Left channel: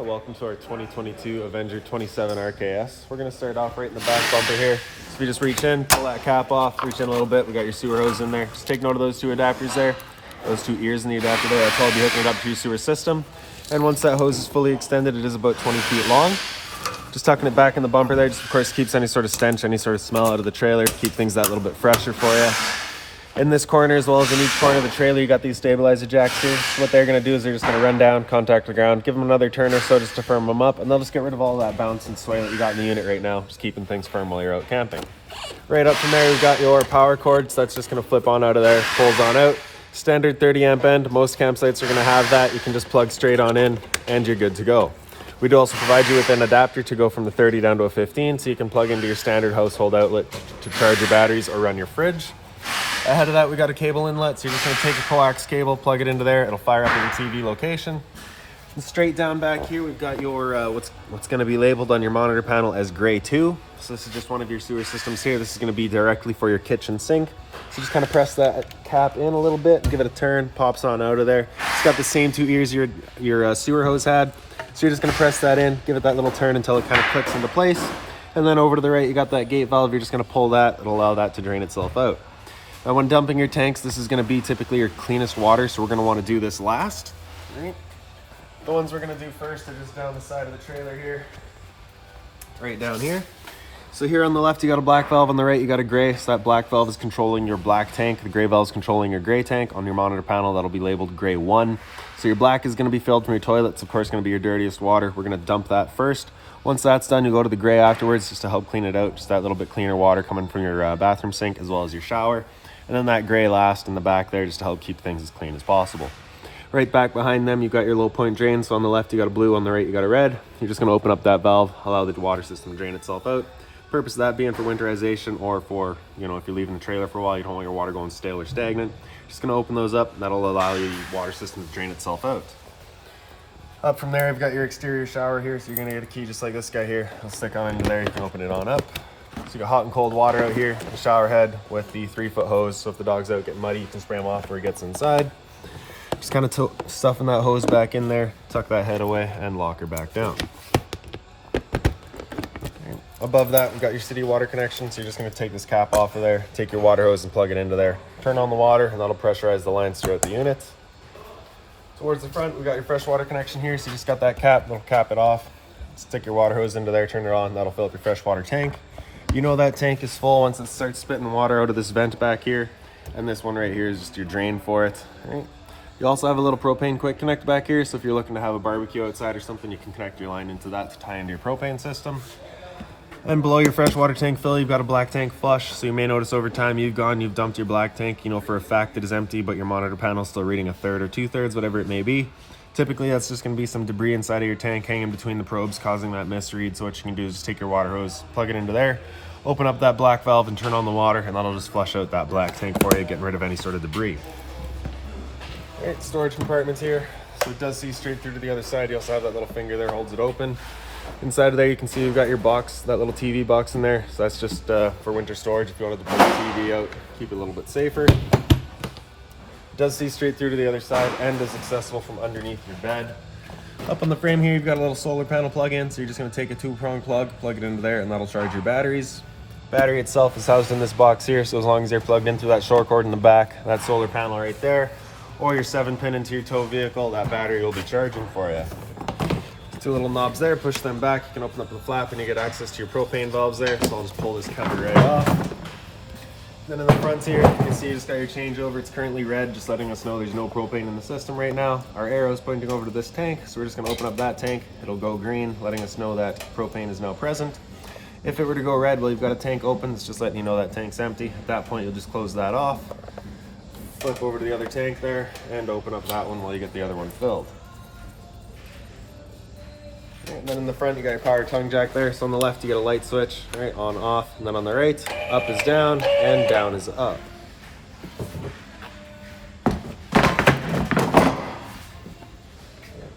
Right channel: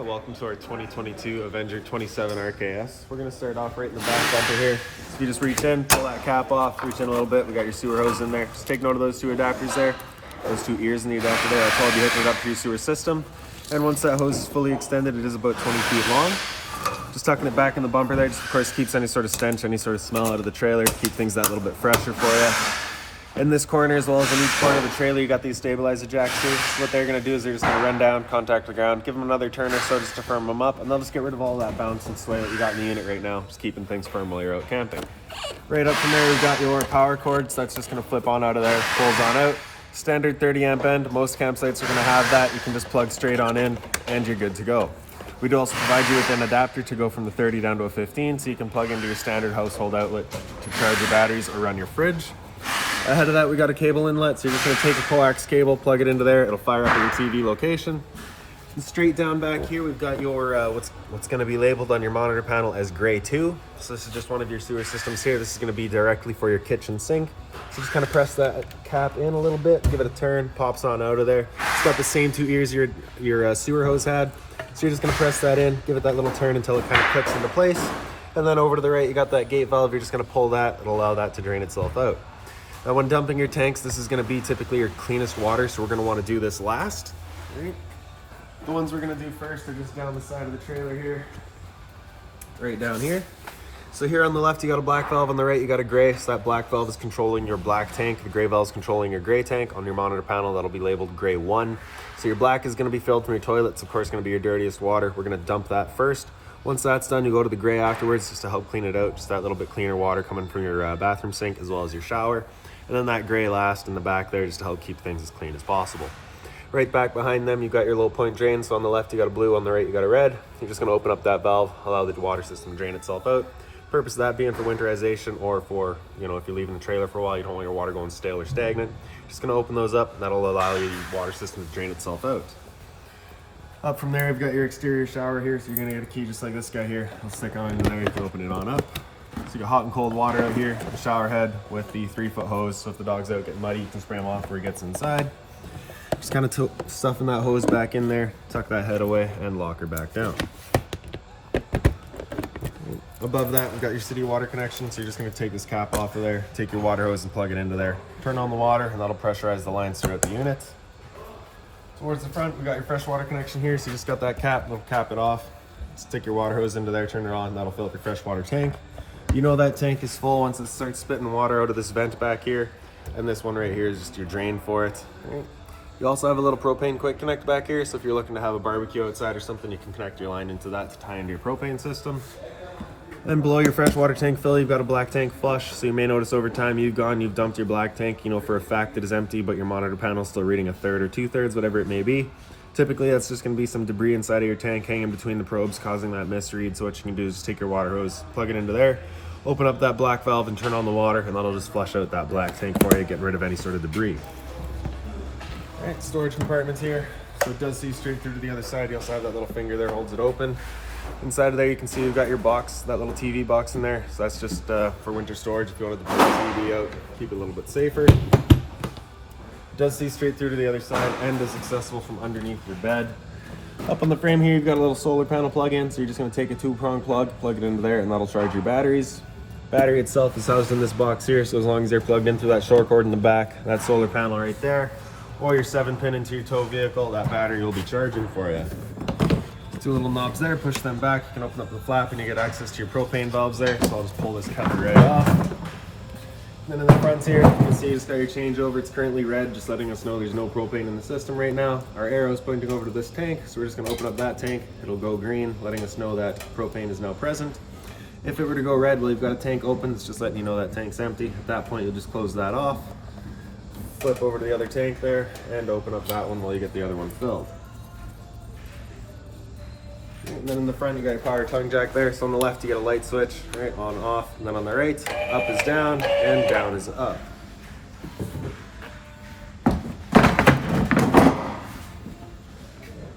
Welcome to our 2022 Avenger 27 RKS. We're going to start off right in the back bumper here. So if you just reach in, pull that cap off, reach in a little bit, we got your sewer hose in there. Just take note of those two adapters there, those two ears in the adapter there. That's all be hooking it up to your sewer system. And once that hose is fully extended, it is about 20 feet long. Just tucking it back in the bumper there, just of course keeps any sort of stench, any sort of smell out of the trailer, keep things that little bit fresher for you. In this corner, as well as in each corner of the trailer, you got these stabilizer jacks here. So what they're going to do is they're just going to run down, contact the ground, give them another turn or so just to firm them up, and they'll just get rid of all that bounce and sway that you got in the unit right now, just keeping things firm while you're out camping. Right up from there, you've got your power cord, so that's just going to flip on out of there, pulls on out. Standard 30 amp end, most campsites are going to have that. You can just plug straight on in, and you're good to go. We do also provide you with an adapter to go from the 30 down to a 15, so you can plug into your standard household outlet to charge your batteries or run your fridge. Ahead of that, we got a cable inlet, so you're just going to take a coax cable, plug it into there, it'll fire up at your TV location. And straight down back here, we've got your what's going to be labeled on your monitor panel as gray 2. So this is just one of your sewer systems here. This is going to be directly for your kitchen sink. So just kind of press that cap in a little bit, give it a turn, pops on out of there. It's got the same two ears your sewer hose had. So you're just going to press that in, give it that little turn until it kind of kicks into place. And then over to the right, you got that gate valve. You're just going to pull that. It'll allow that to drain itself out. Now when dumping your tanks, this is going to be typically your cleanest water, so we're going to want to do this last. Right. The ones we're going to do first are just down the side of the trailer here, right down here. So here on the left, you got a black valve, on the right, you got a gray. So that black valve is controlling your black tank. The gray valve is controlling your gray tank. On your monitor panel, that'll be labeled gray 1. So your black is going to be filled from your toilet. It's of course going to be your dirtiest water. We're going to dump that first. Once that's done, you go to the gray afterwards just to help clean it out. Just that little bit cleaner water coming from your bathroom sink as well as your shower. And then that gray last in the back there just to help keep things as clean as possible. Right back behind them, you've got your low point drain. So on the left, you got a blue, on the right, you got a red. You're just gonna open up that valve, allow the water system to drain itself out. Purpose of that being for winterization or for, if you're leaving the trailer for a while, you don't want your water going stale or stagnant. Just gonna open those up, and that'll allow your water system to drain itself out. Up from there, you've got your exterior shower here. So you're gonna get a key just like this guy here. It'll stick on into there, you can open it on up. So you got hot and cold water out here, the shower head with the 3-foot hose. So if the dog's out getting muddy, you can spray them off where he gets inside. Just kind of stuffing that hose back in there, tuck that head away, and lock her back down. Above that, we've got your city water connection. So you're just going to take this cap off of there, take your water hose and plug it into there. Turn on the water, and that'll pressurize the lines throughout the unit. Towards the front, we've got your fresh water connection here. So you just got that cap, we'll cap it off. Just stick your water hose into there, turn it on, that'll fill up your freshwater tank. You know that tank is full once it starts spitting water out of this vent back here. And this one right here is just your drain for it. Right. You also have a little propane quick connect back here, so if you're looking to have a barbecue outside or something, you can connect your line into that to tie into your propane system. And below your freshwater tank fill, you've got a black tank flush, so you may notice over time you've dumped your black tank, for a fact it is empty, but your monitor panel is still reading 1/3 or 2/3, whatever it may be. Typically, that's just going to be some debris inside of your tank hanging between the probes, causing that misread. So what you can do is just take your water hose, plug it into there, open up that black valve and turn on the water, and that'll just flush out that black tank for you, getting rid of any sort of debris. All right, storage compartments here. So it does see straight through to the other side. You also have that little finger there, holds it open. Inside of there, you can see you've got your box, that little TV box in there. So that's just for winter storage. If you wanted to put the TV out, keep it a little bit safer. It does see straight through to the other side and is accessible from underneath your bed. Up on the frame here, you've got a little solar panel plug-in. So you're just going to take a 2-prong plug it into there, and that'll charge your batteries. Battery itself is housed in this box here, so as long as they're plugged into that short cord in the back, that solar panel right there, or your 7-pin into your tow vehicle, that battery will be charging for you. 2 little knobs there, push them back, you can open up the flap and you get access to your propane valves there. So I'll just pull this cover right off. Then in the front here, you can see you just got your changeover. It's currently red, just letting us know there's no propane in the system right now. Our arrow is pointing over to this tank, so we're just going to open up that tank. It'll go green, letting us know that propane is now present. If it were to go red, well, you've got a tank open, it's just letting you know that tank's empty. At that point, you'll just close that off, flip over to the other tank there, and open up that one while you get the other one filled. And then in the front, you got your power tongue jack there. So on the left, you got a light switch, right, on, off. And then on the right, up is down, and down is up.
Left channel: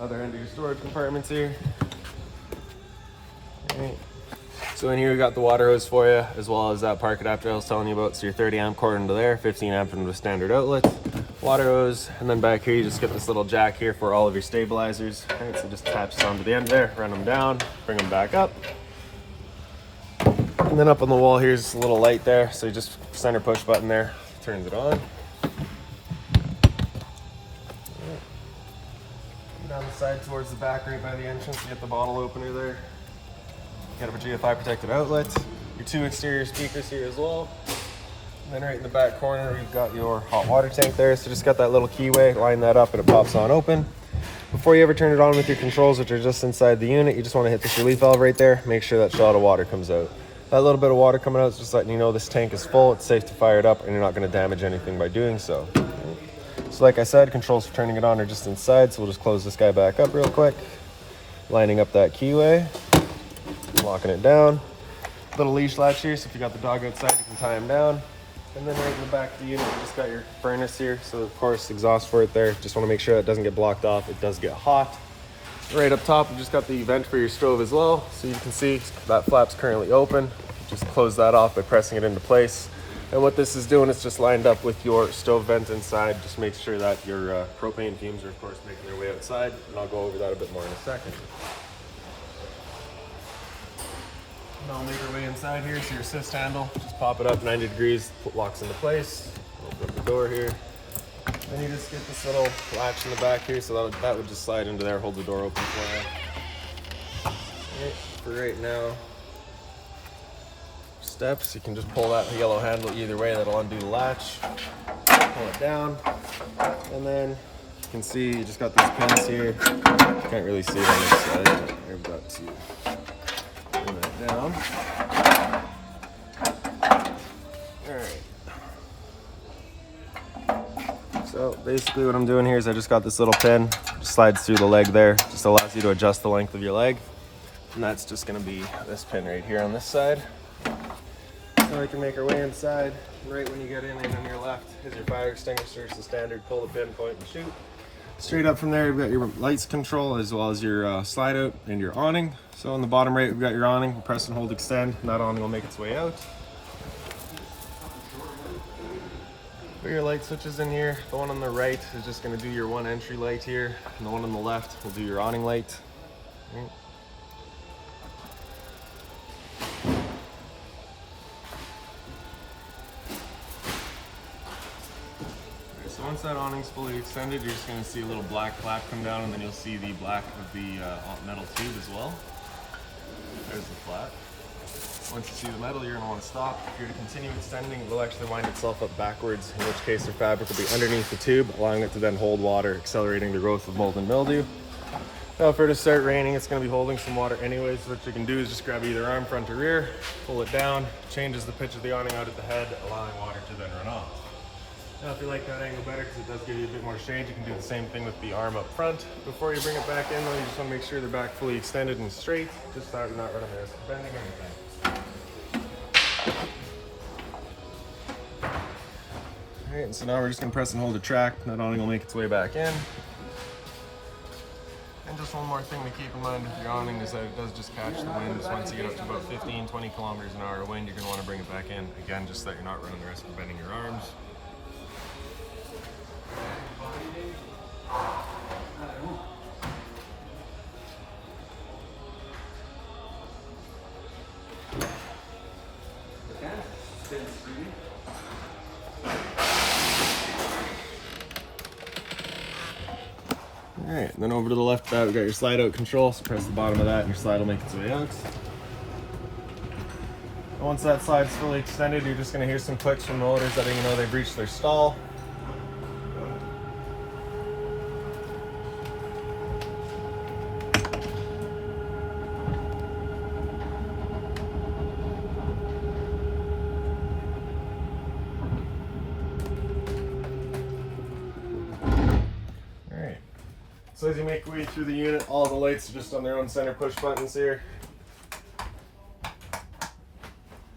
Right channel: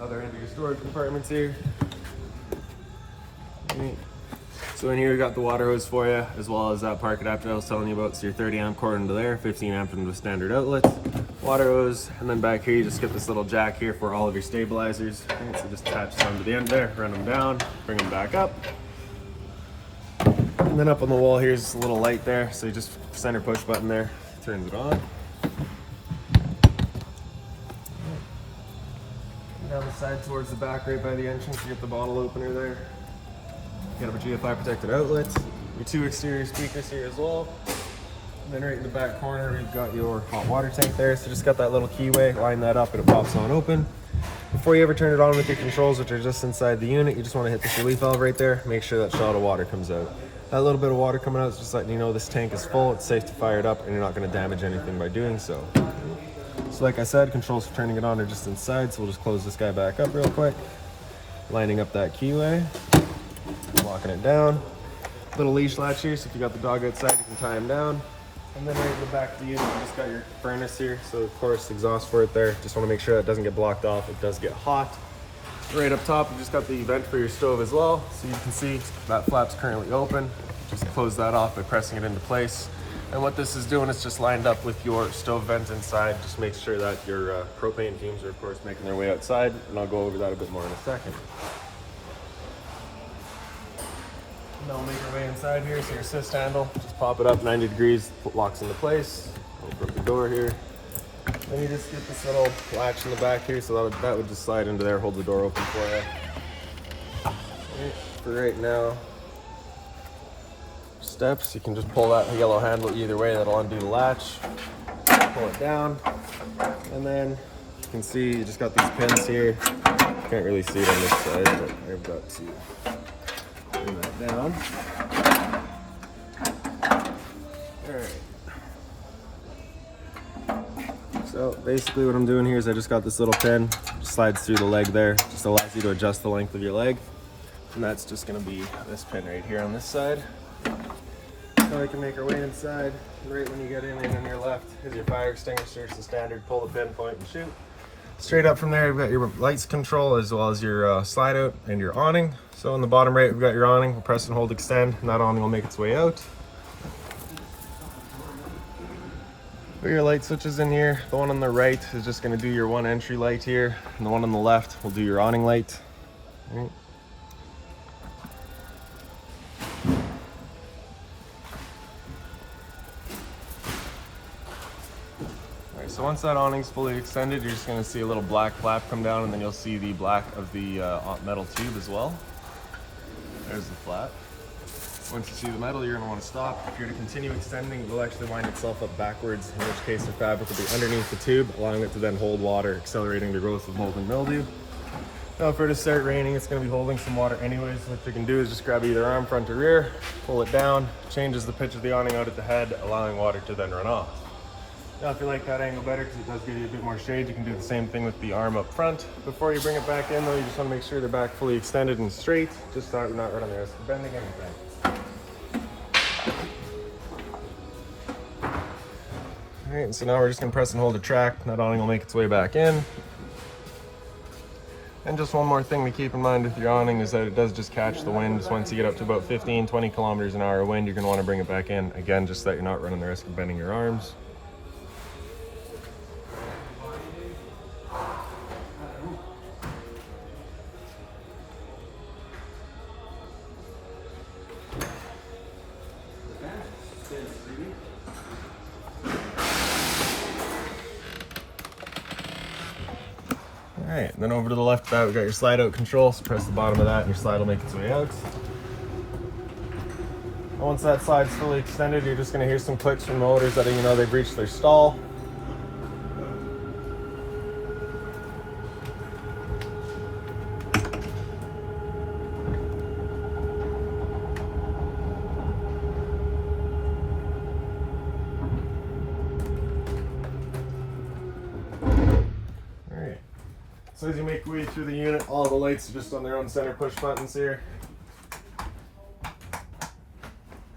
Other end of your storage compartments here. Right. So in here, we got the water hose for you, as well as that park adapter I was telling you about. So your 30 amp cord into there, 15 amp into the standard outlet. water hose, and then back here you just get this little jack here for all of your stabilizers. Right, so just attach this onto the end there, run them down, bring them back up. And then up on the wall here's a little light there, so you just center push button there, turns it on. Down the side towards the back right by the entrance, you get the bottle opener there. Got a GFI protected outlet, your 2 exterior speakers here as well. And then right in the back corner, we've got your hot water tank there. So just got that little keyway, line that up and it pops on open. Before you ever turn it on with your controls, which are just inside the unit, you just want to hit this relief valve right there. Make sure that shot of water comes out. That little bit of water coming out is just letting you know this tank is full, it's safe to fire it up, and you're not going to damage anything by doing so. So like I said, controls for turning it on are just inside, so we'll just close this guy back up real quick. Lining up that keyway, locking it down. Little leash latch here, so if you got the dog outside, you can tie him down. And then right in the back of the unit, you just got your furnace here. So of course, exhaust for it there. Just want to make sure that doesn't get blocked off. It does get hot. Right up top, you just got the vent for your stove as well. So you can see that flap's currently open. Just close that off by pressing it into place. And what this is doing is just lined up with your stove vent inside. Just make sure that your propane fumes are of course making their way outside. And I'll go over that a bit more in a second. Now we'll make our way inside here. So your assist handle, just pop it up 90 degrees, locks into place. Open up the door here. Then you just get this little latch in the back here, so that would just slide into there, hold the door open for you. Okay, for right now, steps, you can just pull that yellow handle either way, that'll undo the latch. Pull it down, and then you can see you just got these pins here. Can't really see it on this side, but I've got to bring that down. Alright. So basically what I'm doing here is I just got this little pin, just slides through the leg there, just allows you to adjust the length of your leg. And that's just going to be this pin right here on this side. So we can make our way inside. And right when you get in and on your left is your fire extinguisher. It's the standard, pull the pin, point and shoot. Straight up from there, you've got your lights control as well as your slide out and your awning. So on the bottom right, we've got your awning. We'll press and hold extend, and that awning will make its way out. Put your light switches in here. The one on the right is just going to do your one entry light here, and the one on the left will do your awning light. Right. So once that awning's fully extended, you're just going to see a little black flap come down, and then you'll see the black of the metal tube as well. There's the flap. Once you see the metal, you're going to want to stop. If you're to continue extending, it will actually wind itself up backwards, in which case the fabric will be underneath the tube, allowing it to then hold water, accelerating the growth of mold and mildew. Now if it were to start raining, it's going to be holding some water anyways. So what you can do is just grab either arm, front or rear, pull it down, changes the pitch of the awning out at the head, allowing water to then run off. Now if you like that angle better, because it does give you a bit more shade, you can do the same thing with the arm up front. Before you bring it back in though, you just want to make sure they're back fully extended and straight, just so you're not running the risk of bending anything. Alright, so now we're just going to press and hold the track. That awning will make its way back in. And just one more thing to keep in mind with your awning is that it does just catch the wind. Just once you get up to about 15-20 kilometers an hour of wind, you're going to want to bring it back in. Again, just so that you're not running the risk of bending your arms. Alright, then over to the left of that, we've got your slide out control. So press the bottom of that and your slide will make its way out. Once that slide is fully extended, you're just going to hear some clicks from motors letting you know they've reached their stall. So as you make your way through the unit, all the lights are just on their own center push buttons here.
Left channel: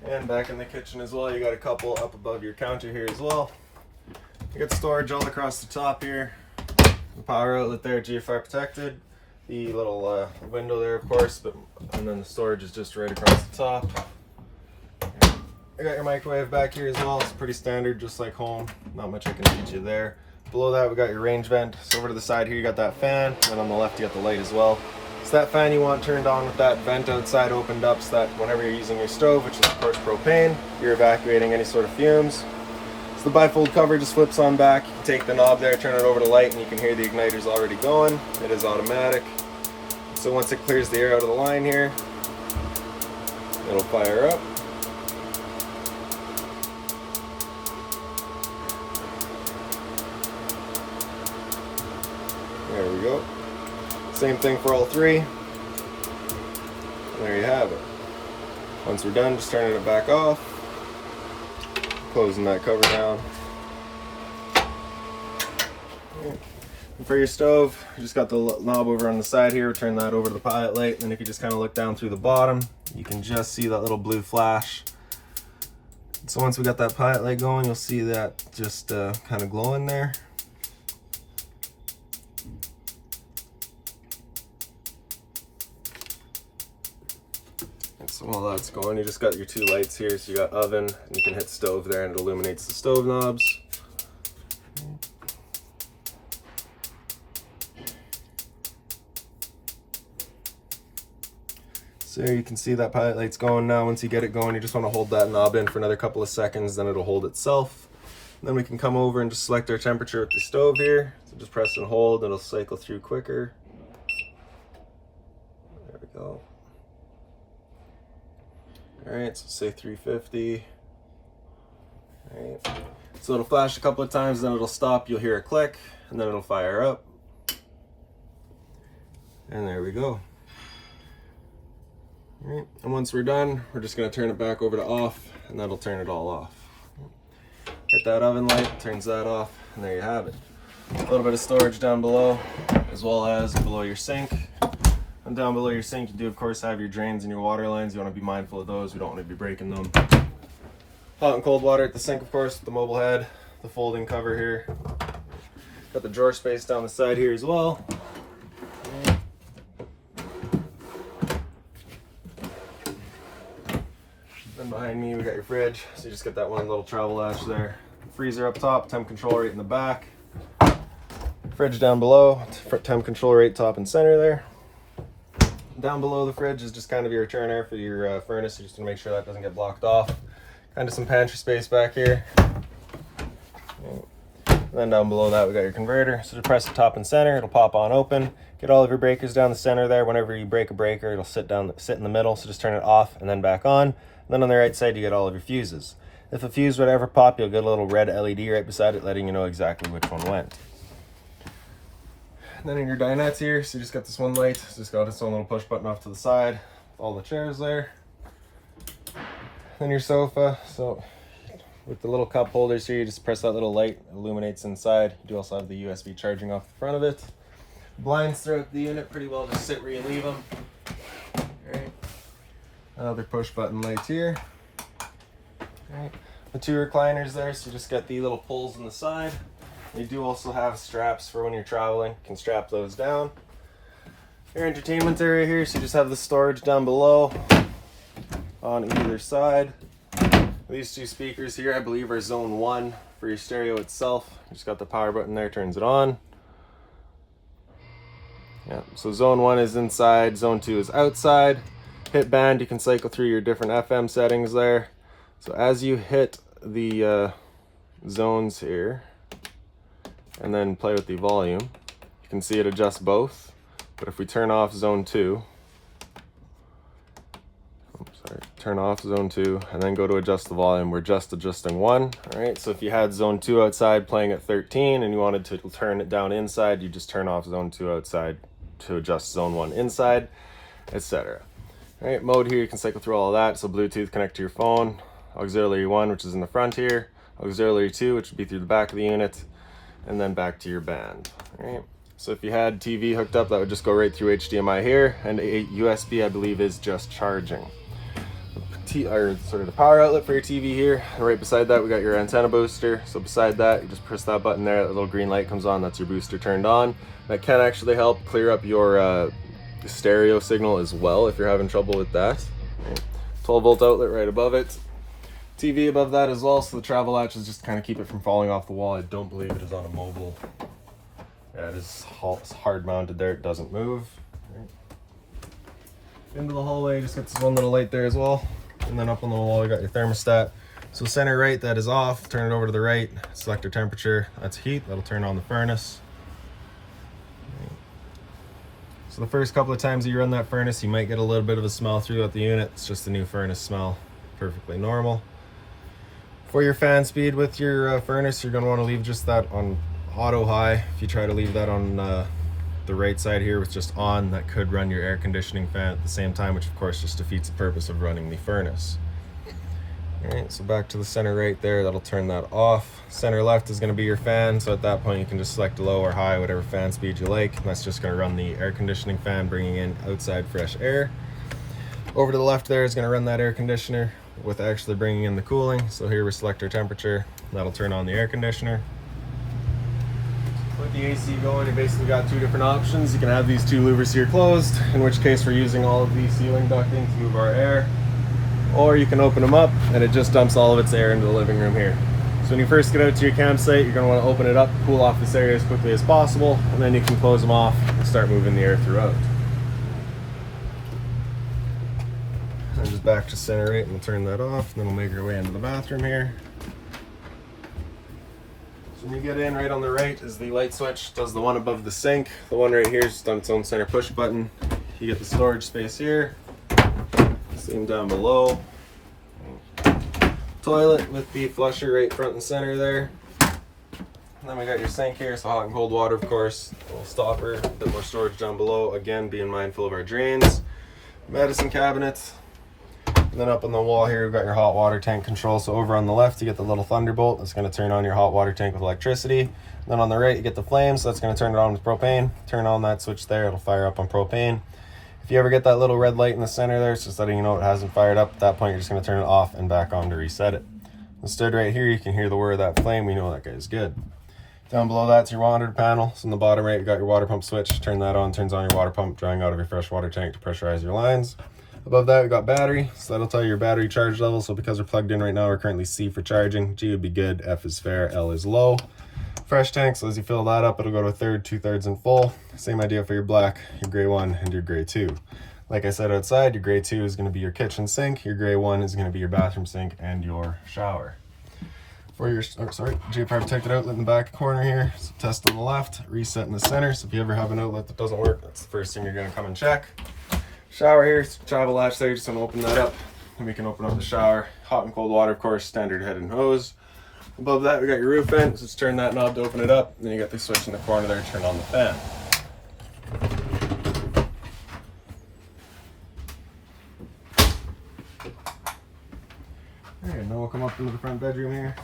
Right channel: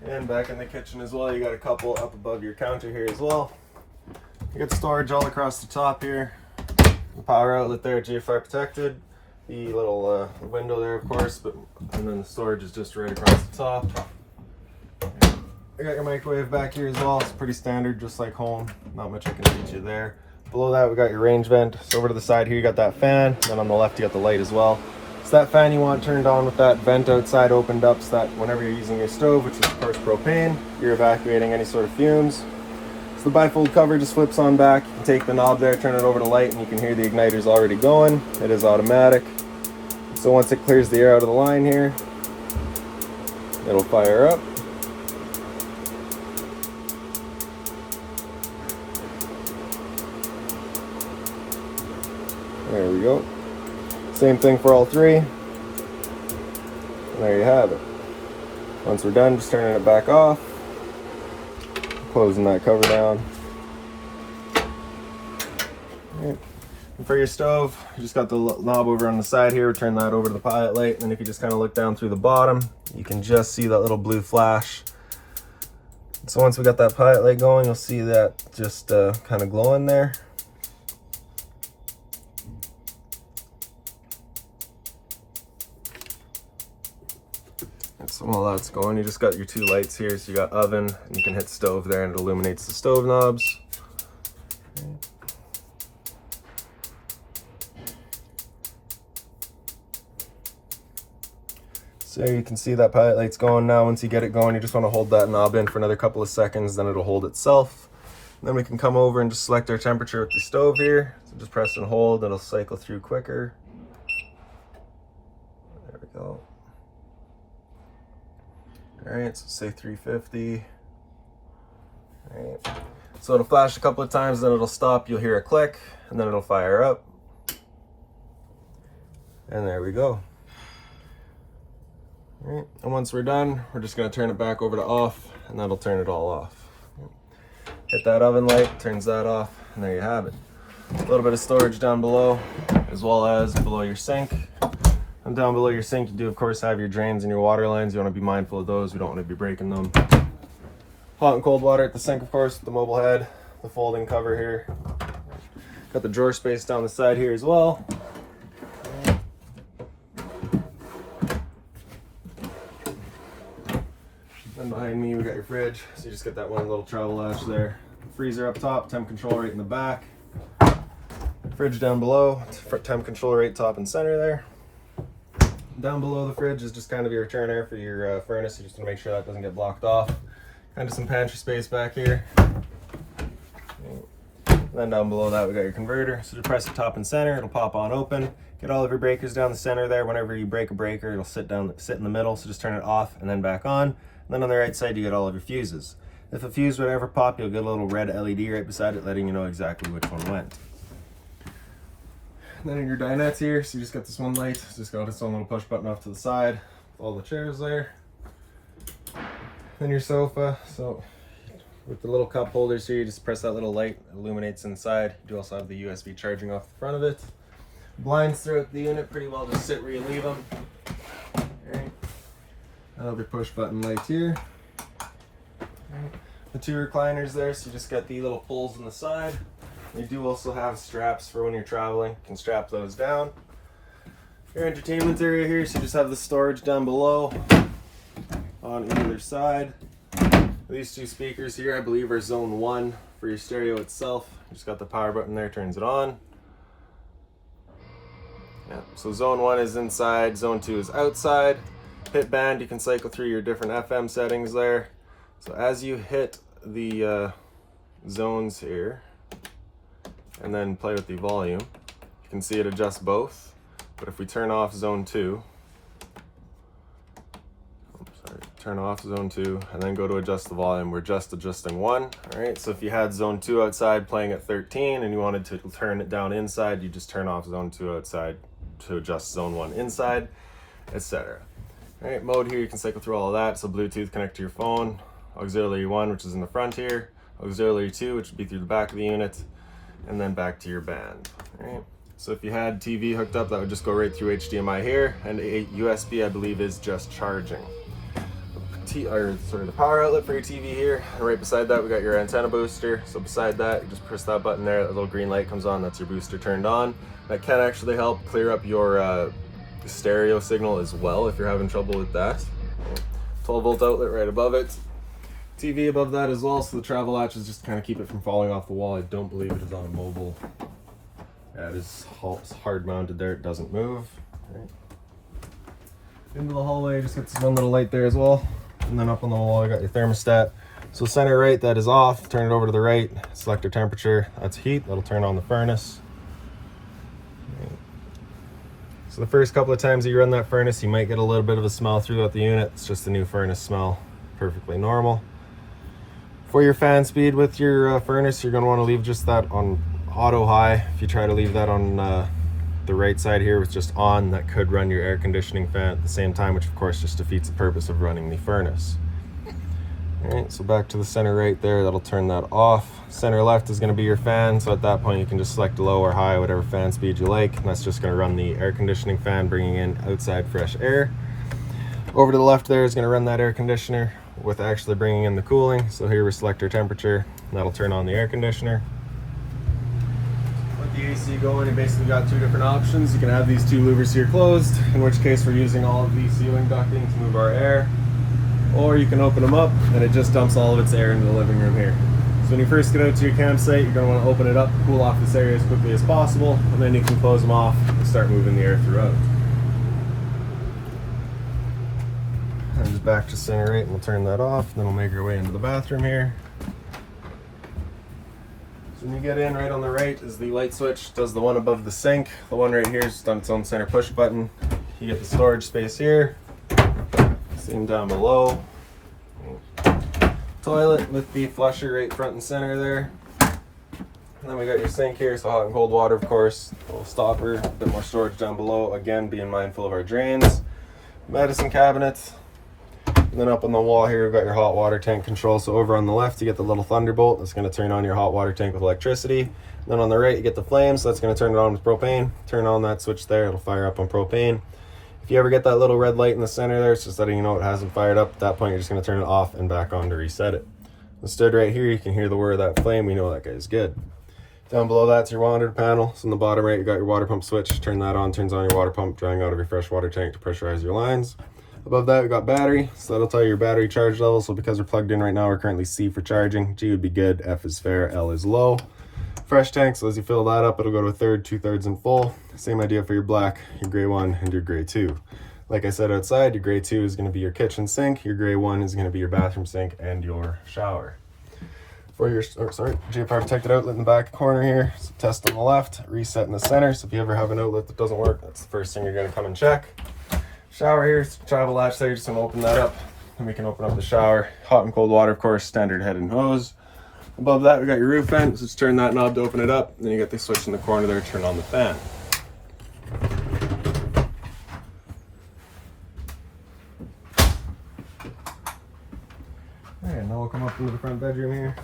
And back in the kitchen as well, you got a couple up above your counter here as well. You got storage all across the top here. The power outlet there, GFI protected. The little window there, of course, and then the storage is just right across the top. I got your microwave back here as well. It's pretty standard, just like home. Not much I can teach you there. below that we got your range vent. So over to the side here you got that fan, and on the left you got the light as well. So that fan you want turned on with that vent outside opened up, so that whenever you're using your stove, which is of course propane, you're evacuating any sort of fumes. So the bifold cover just flips on back. You can take the knob there, turn it over to light, and you can hear the igniter's already going. It is automatic. So once it clears the air out of the line here, it'll fire up. There we go. Same thing for all three. And there you have it. Once we're done, just turning it back off, closing that cover down. And for your stove, you just got the knob over on the side here. Turn that over to the pilot light, and then if you just kind of look down through the bottom, you can just see that little blue flash. So once we got that pilot light going, you'll see that just kind of glowing there. So while that's going, you just got your two lights here. So you got oven, and you can hit stove there, and it illuminates the stove knobs. So you can see that pilot light's going now. Once you get it going, you just want to hold that knob in for another couple of seconds, then it'll hold itself. And then we can come over and just select our temperature with the stove here. So just press and hold, it'll cycle through quicker. There we go. Alright, so say 350. Alright. So it'll flash a couple of times, then it'll stop, you'll hear a click, and then it'll fire up. And there we go. Alright, and once we're done, we're just going to turn it back over to off, and that'll turn it all off. Hit that oven light, turns that off, and there you have it. A little bit of storage down below, as well as below your sink. And down below your sink, you do of course have your drains and your water lines. You want to be mindful of those. We don't want to be breaking them. Hot and cold water at the sink, of course, the mobile head, the folding cover here. Got the drawer space down the side here as well. Then behind me, we got your fridge. So you just get that one little travel latch there. Freezer up top, temp control right in the back. Fridge down below, temp control right top and center there. Down below the fridge is just kind of your return air for your furnace, so just to make sure that doesn't get blocked off. Kind of some pantry space back here. And then down below that we got your converter. So just press the top and center, it'll pop on open. Get all of your breakers down the center there. Whenever you break a breaker, it'll sit in the middle, so just turn it off and then back on. And then on the right side you get all of your fuses. If a fuse would ever pop, you'll get a little red LED right beside it, letting you know exactly which one went. Then in your dinettes here, so you just got this one light. It's just got its own little push button off to the side. All the chairs there. Then your sofa. So with the little cup holders here, you just press that little light, it illuminates inside. You do also have the USB charging off the front of it. Blinds throughout the unit, pretty well just sit where you leave them. Alright. Another push button light here. Alright. The two recliners there, so you just got the little pulls on the side. You do also have straps for when you're traveling. You can strap those down. Your entertainment area here, so you just have the storage down below on either side. These two speakers here, I believe, are zone 1 for your stereo itself. You just got the power button there, turns it on. Yeah, so zone 1 is inside, zone 2 is outside. Hit band, you can cycle through your different FM settings there. So as you hit the zones here, and then play with the volume, you can see it adjusts both. But if we turn off zone 2, turn off zone 2 and then go to adjust the volume, we're just adjusting 1. Alright, so if you had zone 2 outside playing at 13 and you wanted to turn it down inside, you just turn off zone 2 outside to adjust zone 1 inside, etc. Alright, mode here, you can cycle through all of that. So Bluetooth, connect to your phone, auxiliary 1, which is in the front here, auxiliary 2, which would be through the back of the unit, and then back to your band. Alright, so if you had TV hooked up, that would just go right through HDMI here, and a USB, I believe, is just charging. The power outlet for your TV here, and right beside that we got your antenna booster. So beside that, you just press that button there, that little green light comes on, that's your booster turned on. That can actually help clear up your stereo signal as well if you're having trouble with that. 12 volt outlet right above it. TV above that as well, so the travel latch is just to kind of keep it from falling off the wall. I don't believe it is on a mobile. Yeah, it is hard mounted there, it doesn't move. Right. Into the hallway, just got this one little light there as well. And then up on the wall, you got your thermostat. So center right, that is off. Turn it over to the right, select your temperature. That's heat, that'll turn on the furnace. So the first couple of times that you run that furnace, you might get a little bit of a smell throughout the unit. It's just a new furnace smell, perfectly normal. For your fan speed with your furnace, you're gonna wanna leave just that on auto high. If you try to leave that on the right side here with just on, that could run your air conditioning fan at the same time, which of course just defeats the purpose of running the furnace. All right, so back to the center right there, that'll turn that off. Center left is gonna be your fan, so at that point you can just select low or high, whatever fan speed you like, and that's just gonna run the air conditioning fan, bringing in outside fresh air. Over to the left there is gonna run that air conditioner with actually bringing in the cooling. So here we select our temperature, and that'll turn on the air conditioner. With the AC going, you basically got two different options. You can have these two louvers here closed, in which case we're using all of the ceiling ducting to move our air. Or you can open them up and it just dumps all of its air into the living room here. So when you first get out to your campsite, you're going to want to open it up, cool off this area as quickly as possible, and then you can close them off and start moving the air throughout. And just back to center right, and we'll turn that off, and then we'll make our way into the bathroom here. So when you get in, right on the right is the light switch, does the one above the sink. The one right here is just on its own center push button. You get the storage space here. Seen down below. Toilet with the flusher right front and center there. And then we got your sink here, so hot and cold water, of course. A little stopper, a bit more storage down below. Again, being mindful of our drains. Medicine cabinets. And then up on the wall here, we've got your hot water tank control. So over on the left, you get the little thunderbolt. That's going to turn on your hot water tank with electricity. And then on the right, you get the flames. So that's going to turn it on with propane. Turn on that switch there, it'll fire up on propane. If you ever get that little red light in the center there, it's just letting you know it hasn't fired up. At that point, you're just going to turn it off and back on to reset it. Stood right here, you can hear the whir of that flame. We know that guy's good. Down below that's your water panel. So on the bottom right, you got your water pump switch. Turn that on, turns on your water pump, drying out of your fresh water tank to pressurize your lines. Above that, we got battery. So that'll tell you your battery charge level. So because we're plugged in right now, we're currently C for charging. G would be good, F is fair, L is low. Fresh tank, so as you fill that up, it'll go to a third, 2/3 and full. Same idea for your black, your gray 1, and your gray 2. Like I said outside, your gray 2 is going to be your kitchen sink, your gray 1 is going to be your bathroom sink and your shower. For your, J-Power protected outlet in the back corner here, so test on the left, reset in the center. So if you ever have an outlet that doesn't work, that's the first thing you're going to come and check. Shower here, travel latch there, just going to open that up, and we can open up the shower. Hot and cold water, of course, standard head and hose. Above that, we got your roof vent, so just turn that knob to open it up. Then you got the switch in the corner there to turn on the fan. Alright, now we'll come up into the front bedroom here.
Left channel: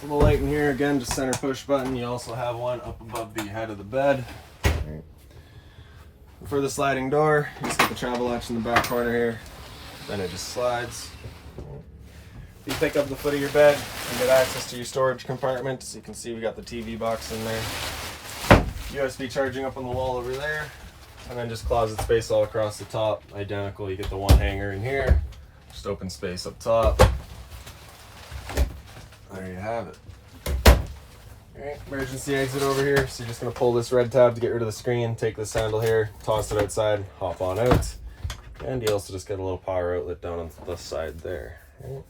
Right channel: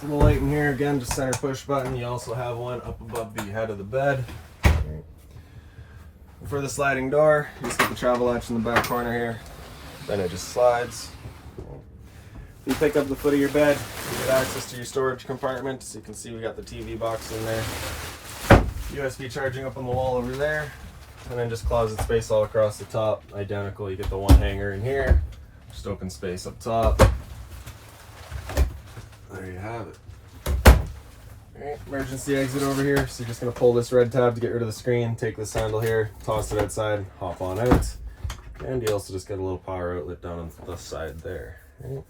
So the light in here, again, just center push button. You also have one up above the head of the bed. For the sliding door, you just get the travel latch in the back corner here. Then it just slides. You pick up the foot of your bed, you get access to your storage compartment. So you can see we got the TV box in there. USB charging up on the wall over there. And then just closet space all across the top. Identical, you get the one hanger in here. Just open space up top. There you have it. Alright, emergency exit over here. So you're just going to pull this red tab to get rid of the screen. Take this handle here, toss it outside, hop on out. And you also just get a little power outlet down on the side there. Right.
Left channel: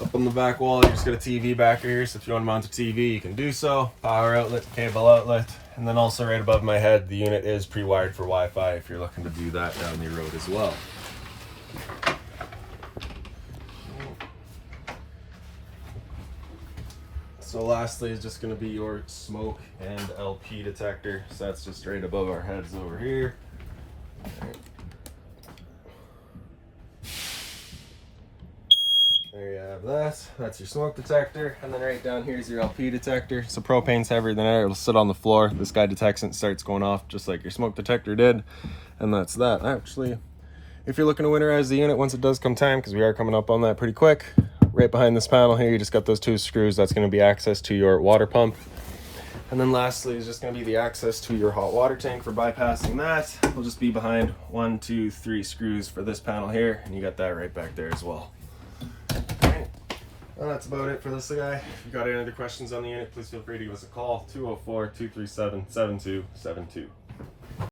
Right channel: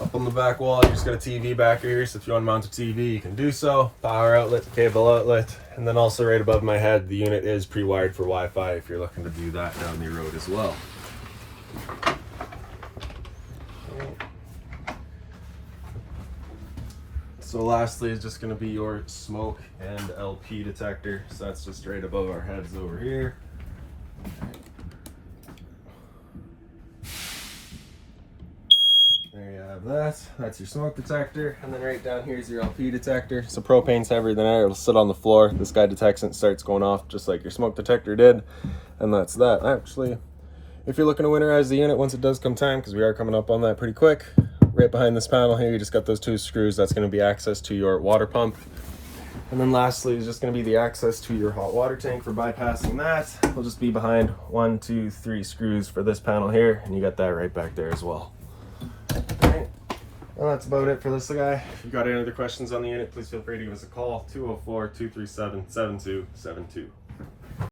Up on the back wall, you just got a TV back here, so if you want to mount a TV, you can do so. Power outlet, cable outlet, and then also right above my head, the unit is pre-wired for Wi-Fi if you're looking to do that down the road as well. So lastly is just going to be your smoke and LP detector, so that's just right above our heads over here. There you have that. That's your smoke detector. And then right down here is your LP detector. So propane's heavier than air. It'll sit on the floor. This guy detects it and starts going off just like your smoke detector did. And that's that. Actually, if you're looking to winterize the unit once it does come time, because we are coming up on that pretty quick, right behind this panel here, you just got those two screws. That's going to be access to your water pump. And then lastly is just going to be the access to your hot water tank. For bypassing that, we'll just be behind 1, 2, 3 screws for this panel here, and you got that right back there as well. Alright, and that's about it for this guy. If you've got any other questions on the unit, please feel free to give us a call, 204-237-7272.